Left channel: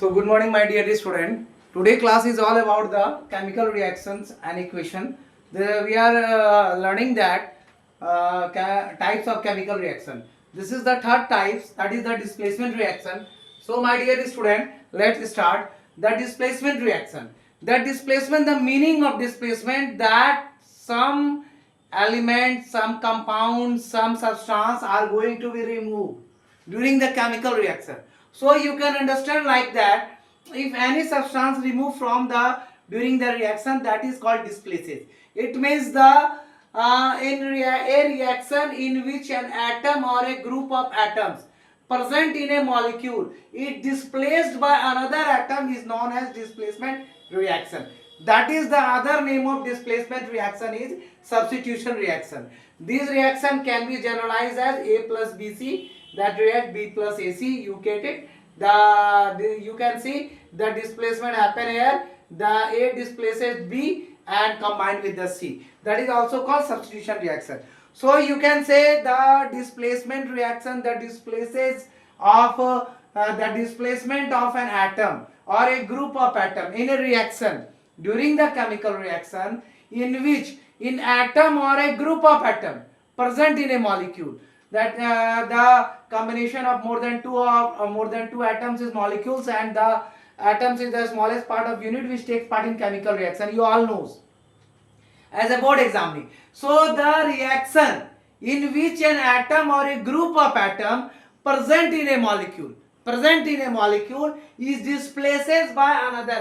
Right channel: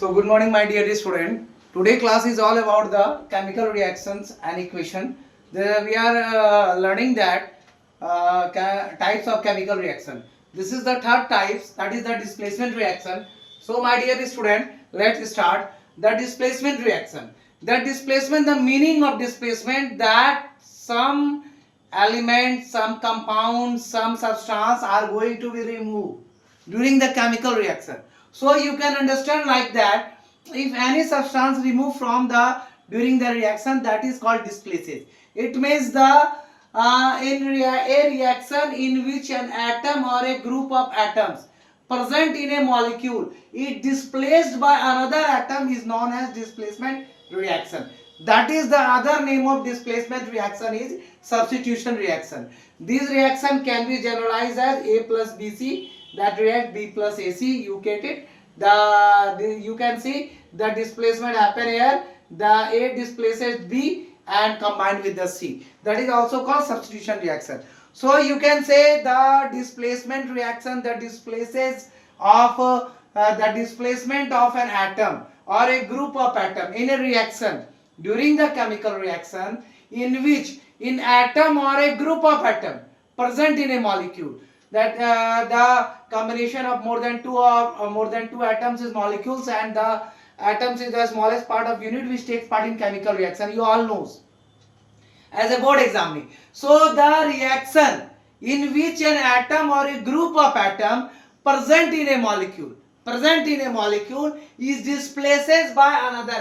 So good morning my dear student. Today class is all about the chemical reactions and equation. We are learning that types of chemical reaction. This is the third types, that is the displacement reaction. So my dear student, let's start the displacement reaction. The meaning of displacement, that some element, some compound, some substance are going to be removed during the chemical reaction. So you can understand like that, if any substance removed from the during the reaction, that is called displaces. It means the a reaction in which an atom or a group of atoms present in a molecule is displaced by another atom is known as displacement reaction. That is the other name of displacement reaction is substitution reaction. This reaction can be generalized as A plus BC that react B plus AC. You get it? You can see the displacement happen here. The A displaces B and combined with the C. That is also called substitution reaction. So you can say the displacement reaction, the displaces of the displacement of an atom or a group of atom in a reaction during the chemical reaction in which in atom or a group of atom present in a molecule, that the combination of more than two atoms is molecules, and the atoms is the smallest part of unit which takes part in chemical reaction. You all knows as a board examining. So the reaction in which an atom or a group of atom present in a molecule is displaces by another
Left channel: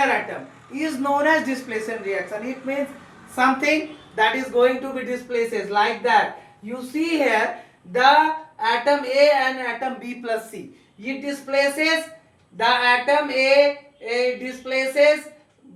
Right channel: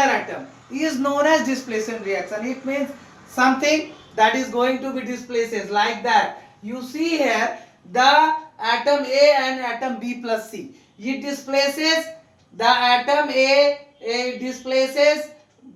atom is known as displacement reaction. It means something that is going to be displaces like that. You see here the atom A and atom B plus C. It displaces the atom A displaces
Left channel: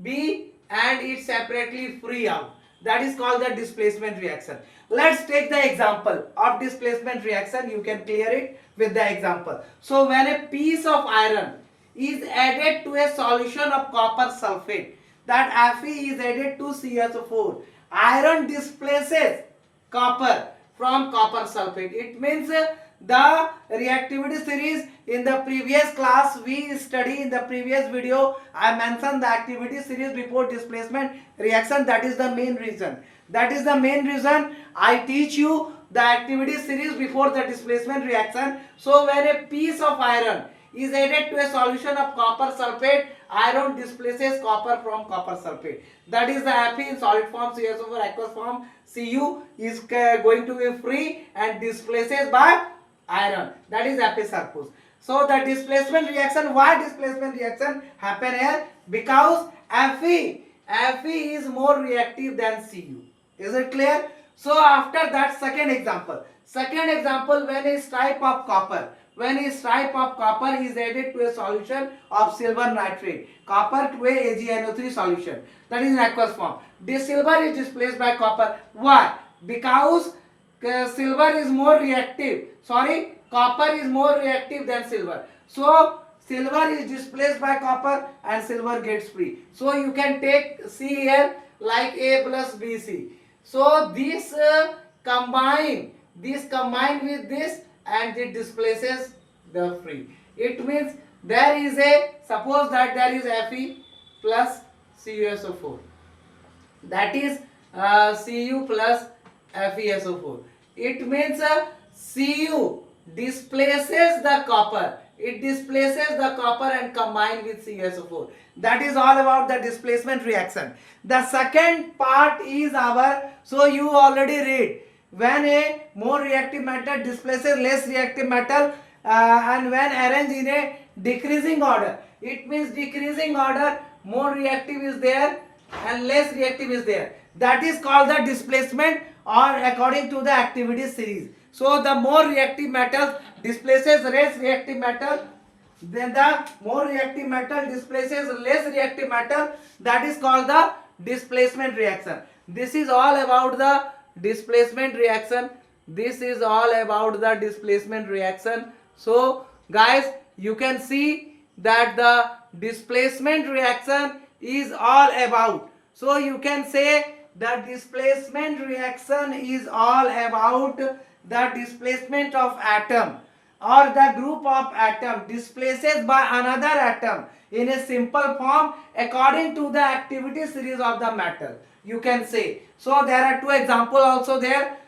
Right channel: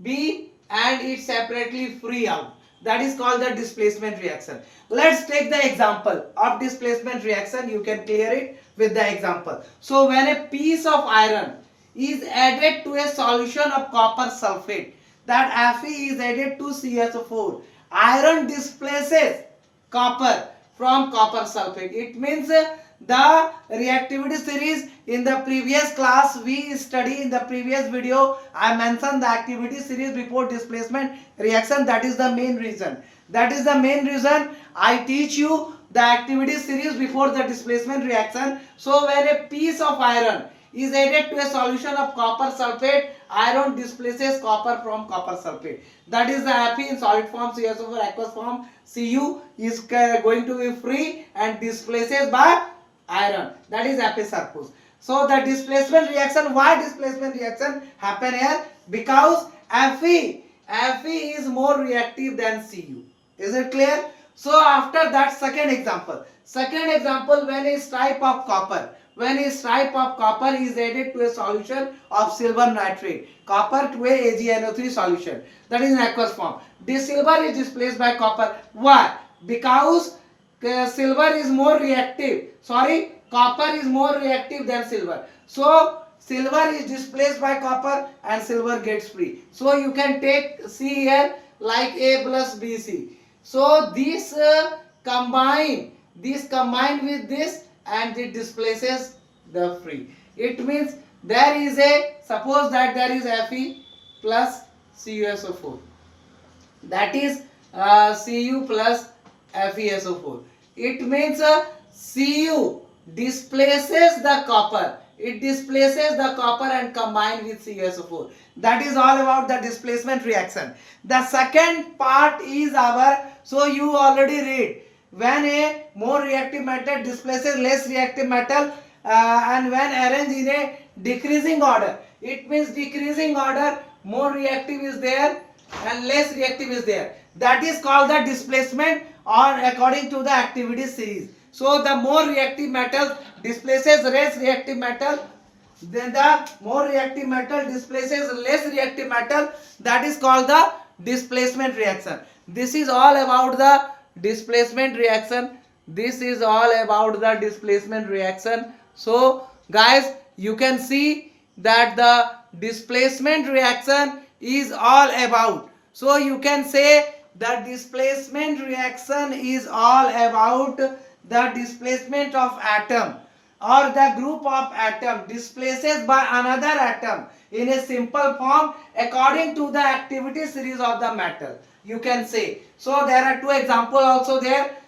B and it separately free out. That is called the displacement reaction. Let's take the example of displacement reaction. You can clear it with the example. So when a piece of iron is added to a solution of copper sulfate, that Fe is added to CSO4, iron displaces copper from copper sulfate. It means the reactivity series in the previous class we study, in the previous video I mentioned the activity series before displacement reaction. That is the main reason I teach you the activity series before the displacement reaction. So when a piece of iron is added to a solution of copper sulfate, iron displaces copper from copper sulfate. That is the Fe in solid form, CSO4 aqueous form, Cu is going to be free and displaces by iron. That is Fe surplus. So the displacement reaction, why displacement reaction happen here? Because Fe is more reactive than Cu. Is it clear? So after that, second example, when a stripe of copper is added to a solution of silver nitrate, copper to a AgNO3 solution, that is in aqueous form, this silver is displaced by copper. Why? Because copper is more reactive than silver. So silver is displaced by copper and silver gets free. So you can take C here like A plus BC. So this combine with this and it displaces the free. It means there is suppose that there is Fe plus CuSO4. That is Cu plus FeSO4. It means Cu displaces the copper. It displaces the copper and combine with CuSO4. That is all about the displacement reaction. The second part is so you already read, when a more reactive metal displaces less reactive metal and when arranged in a decreasing order. It means decreasing order, more reactive is there and less reactive is there. That is called the displacement or according to the activity series. So the more reactive metal displaces less reactive metal, then the more reactive metal displaces less reactive metal. That is called the displacement reaction. This is all about the displacement reaction. So guys, you can see that the displacement reaction is all about. So you can say that displacement reaction is all about the displacement of atom or the group of atom displaces by another atom in a simple form according to the activity series of the metal. You can say. So there are two examples also there.